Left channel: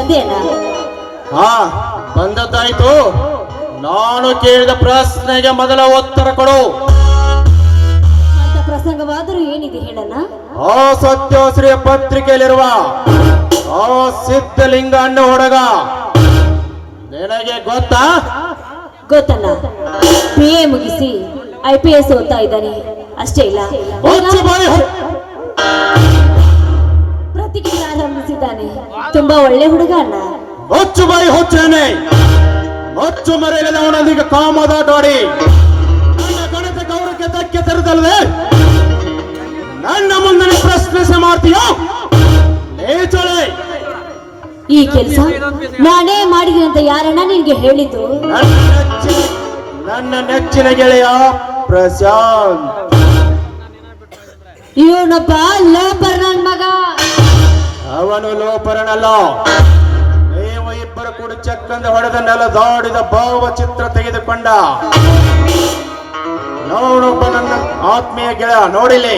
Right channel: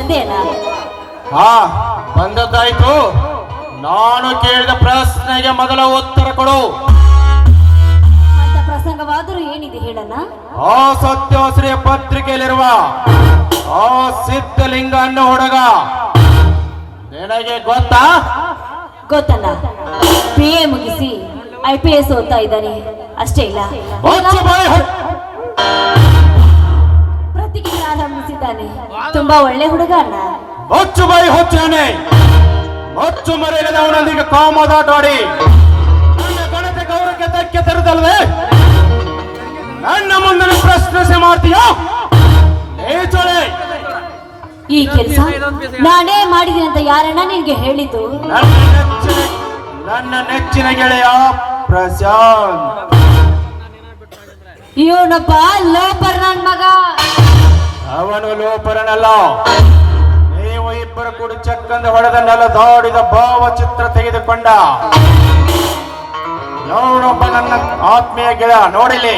ಬಂದೇನಾ? ಹಾ, ಬಂದದ್ದಾಯ್ತು. ನಾನು ಕೇಳಿದ ಪ್ರಶ್ನೆಗೆ ಮೊದಲ ಉತ್ತರ ಕೊಡು. ಅಂತ ಪ್ರಸಂಗವಾದರೂ ಏನಿದೆ ಹೇಳಲ್ಲ? ಆ ಸತ್ಯಶ್ರೀ ಪತ್ರಿಕೆಯಲ್ಲಿರುವ ಆ ಸಿದ್ಧಲಿಂಗ ಅನ್ನೋ ಹುಡುಗ ನಿನಗೆ ಗೊತ್ತಾ? ಗೊತ್ತಲ್ಲ, BA ಮುಗಿಸಿ IPS ಓದ್ತಾ ಇದ್ದಾನೆ, ಅಷ್ಟೇ ಇಲ್ಲ ಪ್ರತಿಕ್ರಿಯೆ ಆರಂಭಿಸಿದ್ದಾನೆ. ತುಂಬಾ ಒಳ್ಳೆ ಹುಡುಗ ಅಣ್ಣ. ಹೊಚ್ಚು ಬಾಯಿ ಹೊಚ್ಚೇನೆ, ಹೊಚ್ಚು ಮರೆಯಲ್ಲದವನೊಂದಿಗೆ ಕಾಮದಾಟಾಡಿ ನನ್ನ ಗಣಕ ಗೌರವಕ್ಕೆ ಧಕ್ಕೆ ತರದಲ್ಲದೆ ನನ್ನ ಮುಂದೆ ಪ್ರಶ್ನಿಸಿ ಮಾಡ್ತೀಯೋ? ಈ ಕೆಲಸ ನಾನೇ ಮಾಡಿದ್ದೀನಿ ಅಂತ ಯಾರನ್ನ ನಿನ್ಗೆ ಹೇಳಿದ್ದು? ನನ್ನ ನೆಚ್ಚಿನ ಗೆಳೆಯ ಪ್ರಶಾಂತ್. ಇವನೊಬ್ಬ ಲೋಪರ್ ನನ್ ಮಗ. ಅವನು ಲೋಪರನಲ್ಲ. ನೀವು ಇಬ್ಬರು ಕೂಡಿ ಚಕ್ಕಂದ ಹೊಡೆದ ನೆಲದಾಡಿದ ಭಾವಚಿತ್ರ ತೆಗೆದುಕೊಂಡ ನೋಡೊಬ್ಬ ನನ್ನ ಆತ್ಮೀಯ ಗೆಳೆಯ. ನೋಡಿಲಿ,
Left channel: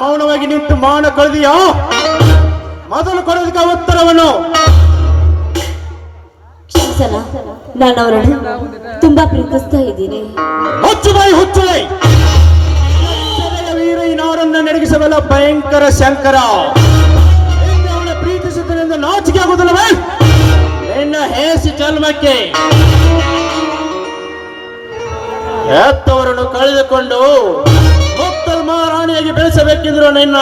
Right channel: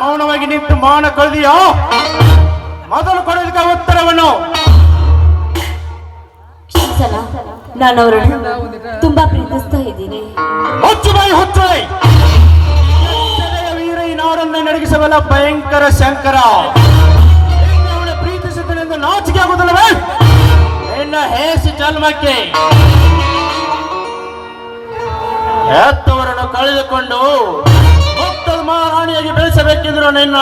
ಮೌನವಾಗಿ ನಿಂತು ಮಾನ ಕೊಳೆದಿಯೋ? ಮೊದಲು ಕೊಡಲಿಕ್ಕೆ ಉತ್ತರವನ್ನು. ನಾನು ಅವರನ್ನು ತುಂಬಾ ಪ್ರೀತಿಸ್ತಾ ಇದ್ದೀನಿ. ಹುಚ್ಚು ಬಾಯಿ ಹುಚ್ಚು ಬಾಯಿ. ವೀರ ಈ ನಾಡನ್ನು ನಡಗಿಸಬಲ್ಲ ಭಯಂಕರ ಶಂಕರ ಪ್ರೀತಿಸಿದ್ರೆ ಎಂದು ನಾಚಿಕೆ ಆಗುವುದಿಲ್ಲವೇ? ನಿನ್ನ ಹೇಸಿ ಜನ್ಮಕ್ಕೆ ಹೆತ್ತವರನ್ನು ಕಳೆದುಕೊಂಡು ಮಹಾರಾಣಿಯಾಗಿ ಬೆಳೆಸಬೇಕೆಂದ್ರು ನಿನ್ನ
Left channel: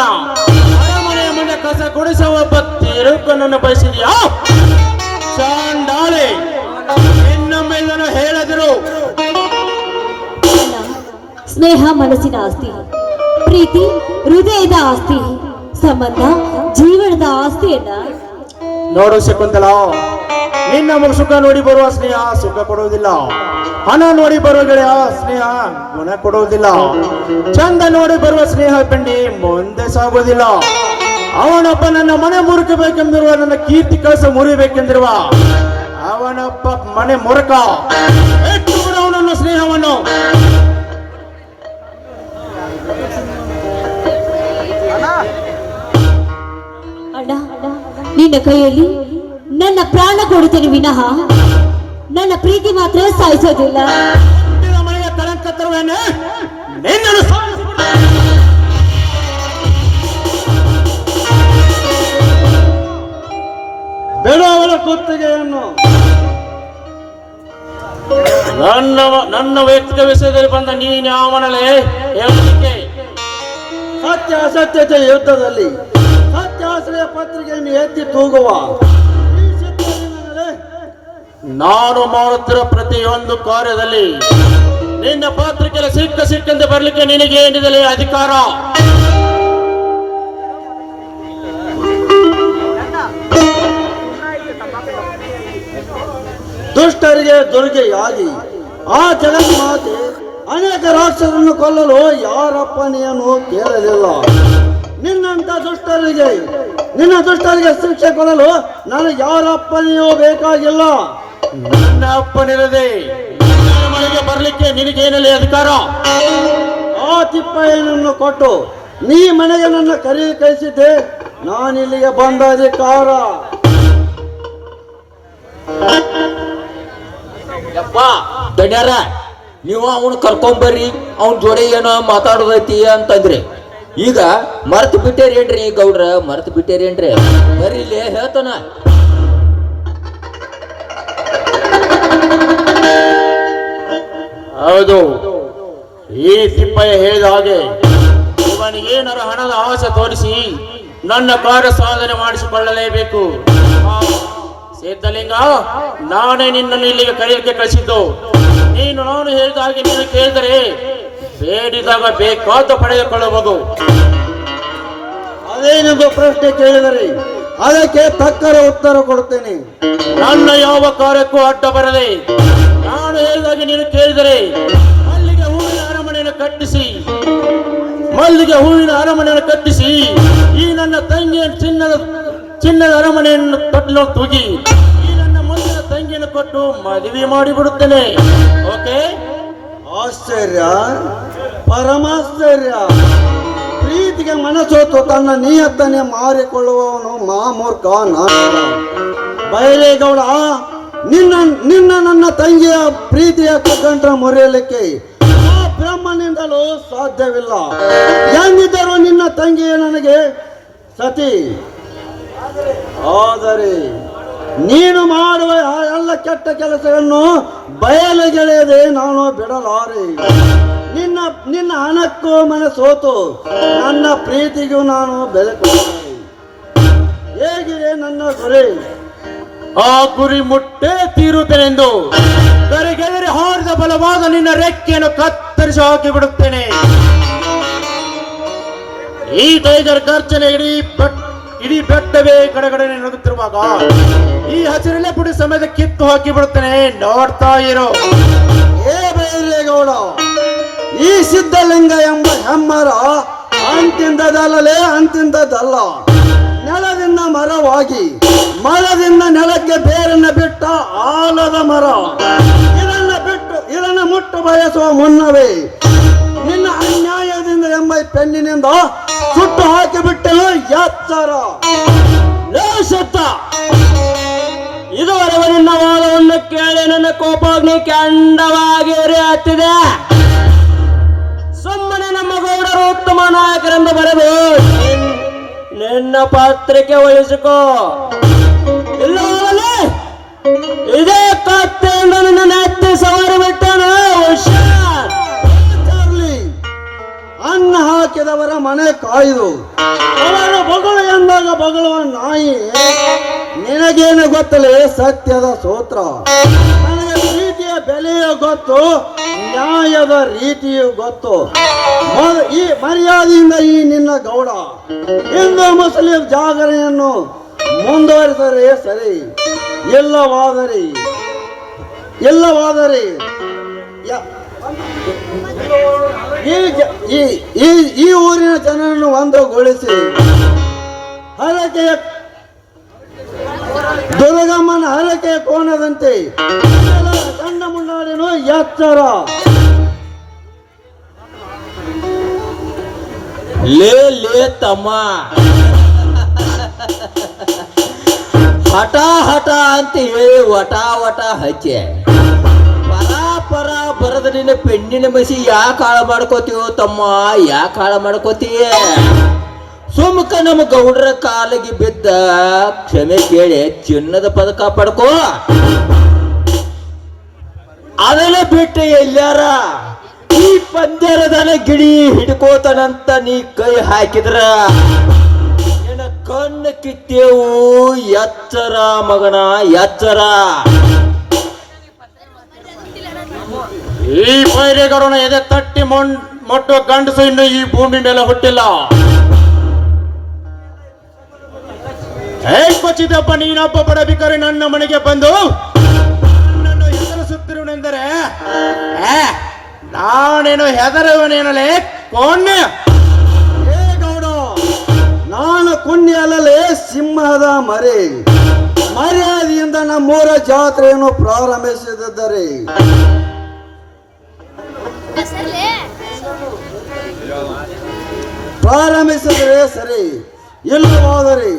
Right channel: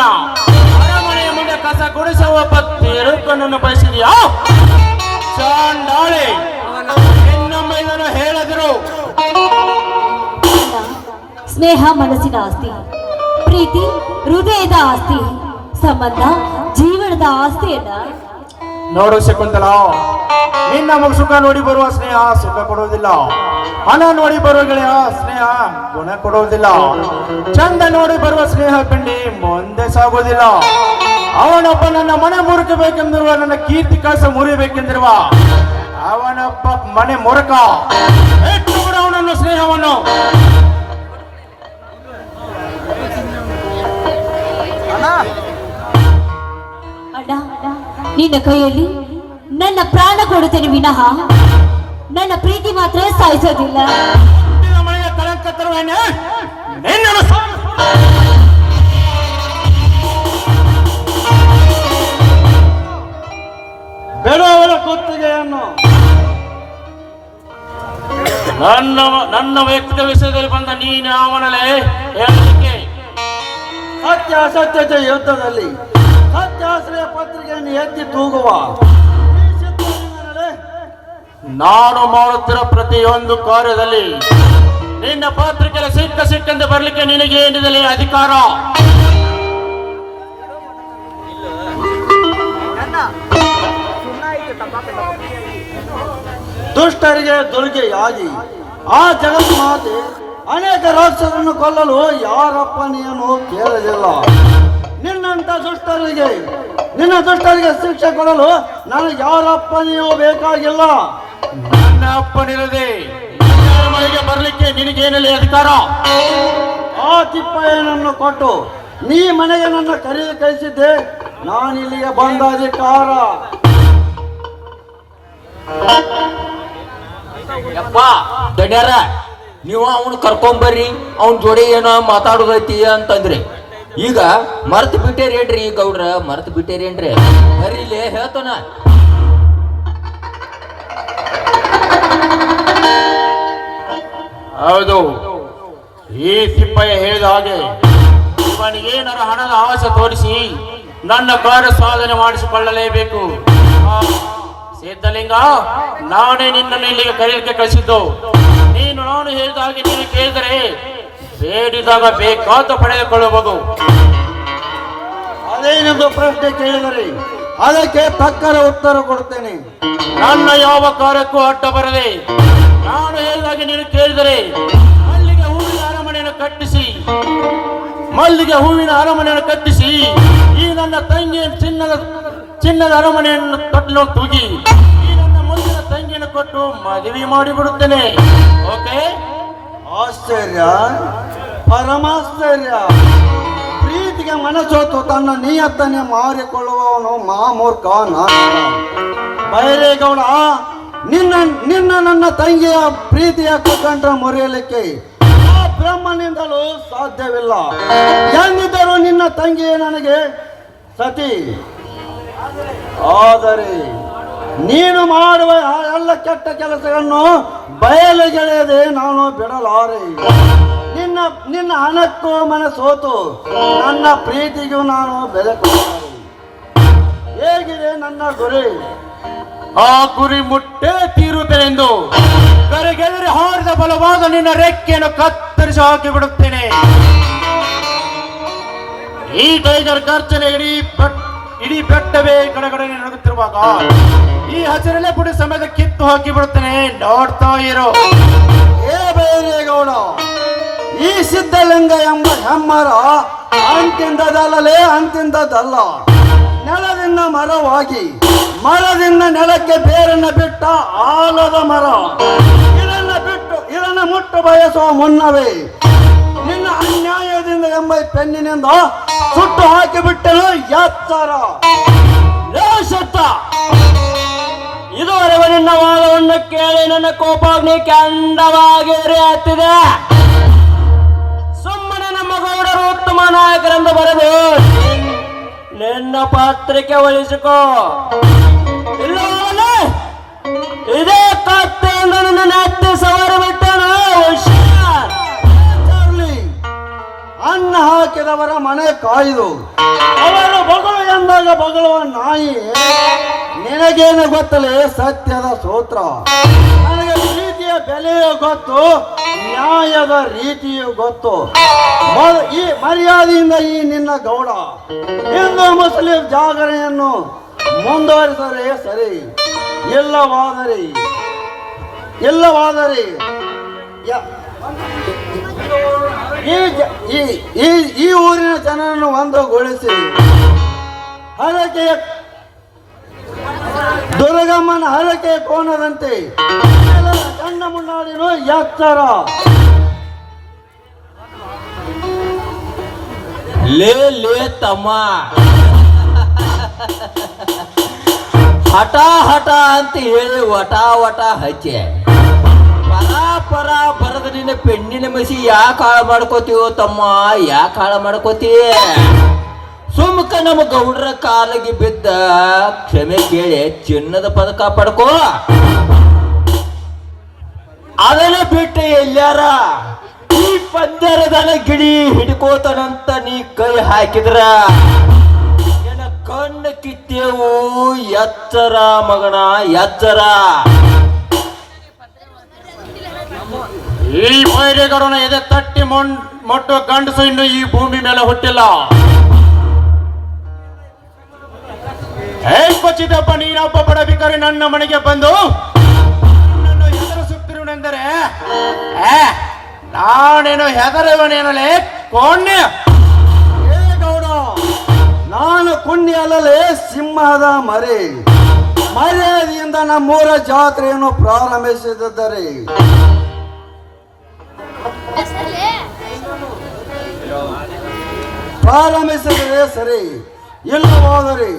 ಮನೆಯ ಮುಂದೆ ಕಸ ಗುಡಿಸುವ ಒಬ್ಬ ತಿರುಕನ್ನು ಬಯಸಿದೆಯಾ? ಚಾಂಡಾಳೆ, ಇನ್ನೊಮ್ಮ ಇದನ್ನು ಹೇಳದಿರು. ಸ್ನೇಹ ಮನಸ್ಸಿನ ಆಸ್ತಿ, ಪ್ರೀತಿ ಹೃದಯದ ಆಸ್ತಿ, ಸಂಬಂಧ ಜೀವನದ ಆಸ್ತಿಯನ್ನ ನೋಡು ಶಕುಂತಲ, ನಿನ್ನ ಸುಖ ನೋಡಿ ಬರುವ ಸ್ನೇಹ ಸುಖ ಕೊಡುವುದಿಲ್ಲ. ಹಣ ನೋಡಿ ಬರುವ ಗೆಳೆಯ ಸ್ನೇಹ ಗುಣ ಕೊಡುವುದಿಲ್ಲ. ಚಂದ ನೋಡಿ ಬರುವ ಸ್ನೇಹ ಕಂಡಿ ಮುಂದೆ ಸಾಗುವುದಿಲ್ಲ. ಅವನೊಬ್ಬ ನನ್ನ ಮನೆ ಮುರುಕಬೇಕೆಂದಿರುವ, ನನ್ನ ಕೀರ್ತಿ ಕಳಸ ಮುರಿಬೇಕೆಂದಿರುವ ಅವನೊಬ್ಬ ಮನೆ ಮುರುಕ. ಅವನನ್ನು ಸ್ನೇಹವನ್ನು ಅಣ್ಣ, ನಿನ್ನ ಕೈಯಲ್ಲಿ ನನ್ನ ಪ್ರಾಣ ಕೊಡುತ್ತೇನೆ ವಿನಃ ನನ್ನ ಪ್ರೀತಿ ಮಾತ್ರ ಸಾಯಿಸೋದಿಲ್ಲ. ಬೆಳವಲ ಕುತ್ತಿಗೆಯನ್ನು ನನ್ನ ವ್ಯಕ್ತಿಗ ವಿಷಯದಲ್ಲಿ ಬಂದ ನೀನು ಅವನಲ್ಲೇ ಹೇಳಲಿಕ್ಕೆ ಸತ್ಯ ಅಸತ್ಯತೆ ಯುದ್ಧದಲ್ಲಿ ಸತ್ಯಾಶ್ರಯ ಪತ್ರಿಕೆಯನ್ನು ಎತ್ತಿ ತೂಗುವ ನಾನು ಮಾಡುತ್ತಿರುವ ಪ್ರತಿಯೊಂದು ಕಾರ್ಯದಲ್ಲಿ ನಿನ್ನ ಪತ್ರಿಕೆ ಸಿಕ್ಕಂತೆ ಬರಲಿಕ್ಕೆ ನಿನಗೆ ಏನಿದೆ ಅಧಿಕಾರ? ದುಷ್ಟರಿಗೆ ದುರ್ಗೆಯಾಗಿ ಆ ಜಗನ್ಮಾತೆ ಅನೇಕ ರಾಕ್ಷಸರನ್ನು ಕೊಲ್ಲಲು ಯಾರಪ್ಪನೆಯನ್ನು ಕೇಳಲಿಲ್ಲ. ನಿನ್ನ ದುಷ್ಟರಿಗೆ ಶಿಕ್ಷೆ ಕೊಡಲು ನನಗೆ ಯಾರಪ್ಪನೆಯೂ ಬೇಕಾಗಿಲ್ಲ. ನನ್ನ ಅಪ್ಪನಿರದೆ ಮನೆಗೆ ಬರಲಿಕ್ಕೆ ನಿನಗೇನಲ್ಲಿ ಅಧಿಕಾರ? ಆ ತಿಪ್ಪಯ್ಯನನ್ನು ಕೊಟ್ಟು ನೀ ಮನೆಗೆ ನನ್ನ ಕರೆದು ಕಳಿಸಿದ್ದೆ, ನಾನಿಲ್ಲಿಗೆ ಬಂದ ಅಧಿಕಾರ. ದಡ್ಯಾರ, ನೀವು ಅವನು ಕರ್ಕೊಂಬರ್ರಿ, ಅವನ ಜೋಡಿ ಏನೋ ಮಾತಾಡೋದೈತಿ ಅಂತಂದ್ರಿ. ಈಗ ಮರ್ತು ಬಿಟ್ಟೇರೇನ್ರಿ ಗೌಡ್ರ? ಮರ್ತು ಬಿಟ್ಟೇರೇನ್ರಿ? ಬರ್ರಿ ಇಲ್ಲಿ ಹೇಳ್ತಾನ. ಹೌದು, ಈ ತಿಪ್ಪಯ್ಯ ಹೇಳಿದ ಹಾಗೆ ಇವನಿಗೇನಾರ ಹಣದ ಆಸೆ ತೋರಿಸಿ ನನ್ನ ಕಾರ್ಯ ಸಾಧನೆ ಮಾಡಿಸಿಕೊಳ್ಳಲೇಬೇಕು. ಸಿದ್ಧಲಿಂಗ, ನಾನೇ ನಿನ್ನನ್ನು ಇಲ್ಲಿಗೆ ಕರೆಯಲಿಕ್ಕೆ ಕಳಿಸಿದ್ದು. ನಾನು ಹೇಳಿದ ಹಾಗೆ ನೀನು ಕೇಳಿದರೆ ಬೇಡಿದಾಗ ಬೇಕಾದ ಪಡೆದುಕೊಳ್ಳಬಹುದು. ಅದೇನೆಂದು ಪ್ರಶ್ನೆ ಕೇಳಿದರೆ ಅದಕ್ಕೆ ತಕ್ಕರ ಉತ್ತರ ಕೊಡುತ್ತೇನೆ. ನನ್ನ ಯಾವ ಕಾರ್ಯಕ್ಕೂ ಅಡ್ಡ ಬರದೆ ನಾನು ಹೇಳಿದಾಗೆ ನೀನು ಕೇಳಿದರೆ ಮಲ್ಲಿಗೆ ಹೂವಿನ ಅರಮನೆಯನ್ನು ಕಟ್ಟಿಸಿ ಈ ನನ್ನ ತಂಗಿಯ ಚಿನ್ನದ ಅರಮನೆಯನ್ನು ಕಟ್ಟಲು ತುಗಿ ಈ ನನ್ನ ಮುಂದಿನ ತಂಗಿಯನ್ನು ಕೊಟ್ಟು ಮದುವೆ ಮಾಡಿಬಿಡುತ್ತೇನೆ. ಓಕೆ? ಆಶ್ಚರ್ಯ, ಪರಮಾಶ್ಚರ್ಯ. ಪ್ರೀತಿ ಪ್ರೀತಿಗೆ ಮನಸೋತು ತನ್ನ ನಿಯತ್ತನ್ನೇ ಮಾರಿಕೊಳ್ಳುವವನು ಮಾಮೂರ್ಖ ನಾನು. ಬೈರೇಗೌಡ, ನಿನ್ನ ನನ್ನ ತಂಗಿಯ ಪ್ರೀತಿಯ ಕಗ್ಗಂಟ ಮುರಿಯಲಿಕ್ಕೆ ಆ ಬ್ರಹ್ಮನಿಂದಲೂ ಸಾಧ್ಯವಿಲ್ಲ. ಎಂದಿದ್ದರೂ ನಿನ್ನ ತಂಗಿಯೇ ನನಗೆ ಸತಿ. ಆದರೆ ನೀನು ಮಾಡುವ ಆ ಎಲ್ಲ ಕೆಟ್ಟ ಕೆಲಸಗಳನ್ನು ಬಯಲಿಗೆಳೆಯದೆ ನಾನು ಬಿಡಲಾರೆ. ನಿನ್ನ ಹಣಕ್ಕೂ ಮನಸೋತು ನನ್ನ ಪ್ರೀತಿಗೂ ನಾನು ಬೆಲೆ ಕೊಡಲಾರೆ. ಹೇಗಿದೆ ನನ್ನ ಗುರಿ? ಆ ಗುರಿ ಮುಟ್ಟೆ ತೀರುತ್ತೇನೆಂದು ಕರಿಗೆದರಿ ಹಾರಿದ ಬಲವಾಗ ನಿನ್ನ ರೆಕ್ಕೆಯನ್ನು ಕತ್ತರಿಸಿ ಹಾಕಿ ಬಿಡುತ್ತೇನೆ. ಈ ಟೈಗರ್ ಗರ್ಜನೆ ಇಡೀ ಬೆಟ್ಟವೇ ಕಡೆಗಡೆ ನಡುಗುತ್ತಿರುವಾಗ ಈ ಹಸಿರಲ್ಲೇ ಪುಡಿ ಸಮಯದ ಕಿತ್ತು ಹಾಕಿ ಬಿಡುತ್ತೇನೆ. ನೋಡ್ತಾ ಇರೋ. ಏ ಬೈರೇಗೌಡ, ಈ ಸಿದ್ಧಲಿಂಗ ಎಂಬ ಹೆಮ್ಮರ ಅಂತಿಂದದಲ್ಲ, ನೆಲದಿಂದ ಮರವಾಗಿ ಮರದಿಂದ ನೆಲಕ್ಕೆ ಬೇರನ್ನ ಬಿಟ್ಟ ಆಲದ ಮರ. ಇದನ್ನ ಮುಟ್ಟು ಬಯಸುವ ಮುನ್ನವೇ ನಿನ್ನ ಅನ್ಯಾಯದಿಂದ ಎಂಬ ಪೆನ್ನಿನಿಂದ ಸುಟ್ಟು ಹಾಕಿಬಿಟ್ಟನು ಎಚ್ಚರ. ಇದುವರೆಗೆ ನಿನ್ನ ವಾದವನ್ನು ಕೇಳಿ ನನ್ನ ಕೋಪಾಗ್ನಿ ಕೆಂಡವಾಗಿ ಉರಿಯುತ್ತಿದೆ. ಸುಮ್ಮನೆ ನಮ್ಮ ಗೌಡರು ಉತ್ತಮ ನಾಯಕರೆಂದು ಬರೆದು ನಿನ್ನ ಪತ್ರಿಕೆ ಉಳಿಸಿಕೋ. ಇಲ್ಲ ಇದೇ ಕತ್ತೆಯಿಂದ ನನ್ನ ನೆತ್ತಿ ಸವಾರು ಬಿಟ್ಟನು. ಅನ್ನ ಹಾಕಿದವರ ಮನೆ ಕಾಯ್ದು ಅವರು ಬಗಳು ಎಂದಾಗ ಬಗಳುವ ನಾಯಿ. ನಿನಗೇನು ಗೊತ್ತಲೇ ಸತ್ಯದ ಸೂತ್ರ. ನನಗೆ ಪ್ರೀತಿಯ ಬೆಲೆಯೂ ಗೊತ್ತು, ನ್ಯಾಯದ ರೀತಿಯೂ ಗೊತ್ತು. ಈ ಮರ್ಯಾದೆಯಿಂದ ಈ ನಿನ್ನ ಗೌಡ ಹಿಂದೂ ಮುಸ್ಲಿಂ ಜಾಗರಣೆಯನ್ನು ಮುಂದುವರಿಸರೆ ಸರಿ. ಎಲ್ಲವಾದರೆ ಈ ಊರಿನ ಜನರನ್ನು ಒಂದುಗೊಳಿಸಿ ಹರಕೆಯ ದುರ್ಗಮ್ಮನ ಹರಕೆಯ ಕೋನದಂತೆ ಗಂಡ ಮುನ್ನಾಡಿನು ಎಚ್ಚರ. ಲೇ ತಮ್ಮ, ಹಠ ಅಂತ ಹೇಳಿ ವಟ ಹಚ್ಚೆ ಪರ ಬರದ ನಿನ್ನ ಪೆಣ್ಣಿನ ಮಸಿ ಯಾಕೆ ಹಾಳು ಮಾಡ್ಕೋತೀವೋ ತಮ್ಮ, ಯಾಕೆ ಹಾಳು ಮಾಡ್ಕೋತೀಯ? ಸುಮ್ಕ ನಮ್ಮ ಗೌಡರ ಕಾಲಿಗೆ ಬಿದ್ದ ಕ್ಷಮೆ ಕೇಳಿ ಚಿನ್ನದ ಪದಕ ಪಡ್ಕೋ. ಅದನ್ನ ಬಿಟ್ಟು ಎಲ್ಲಾರ ಈ ಪಂದ್ಯದ ಗಿಡಿ ಹಿಡ್ಕೋತಾನಂತ ನೀ ಕೈ ಹಾಕಿದ್ರ ನಿನ್ನ ಕಣ್ಣು ಕಿತ್ತೇವು. ಎಚ್ಚರ ಮಗನ, ಎಚ್ಚರ. ಈ ಬೈರೇಗೌಡನ ಎದೆ ತಟ್ಟಿ ಮೊಟ್ಟು ಗಂಡಸು ಇನ್ನು ಈ ಭೂಮಿ ಮೇಲೆ ಹುಟ್ಟಿಲ್ಲ. ಕೊಚ್ಚಿದಪ್ಪ ನೀನೊಬ್ಬ ಬಡಬಿಕರಿ ನನ್ನ ಮನೆಗೆ ಬಂದು ನನ್ನನ್ನು ಹೆದರಿಸುತ್ತಿರುವನೆಂದರೆ ನಾನೇನು ಹೆದರುವನೇನಲೇ ಕೋಣ್ಯ? ಏ ಗೌಡ, ನಾನು ಕುಣ್ಯ ಅಲ್ಲಲೇ ಸಿಂಹದ ಮರ್ಯಾದೆಯಿಂದ ನಮ್ಮೂರ ಜಾತ್ರೆಯನ್ನು ಪ್ರಾರಂಭಿಸಿದ್ದರೆ ಸರಿ, ಇಲ್ಲವಾದರೆ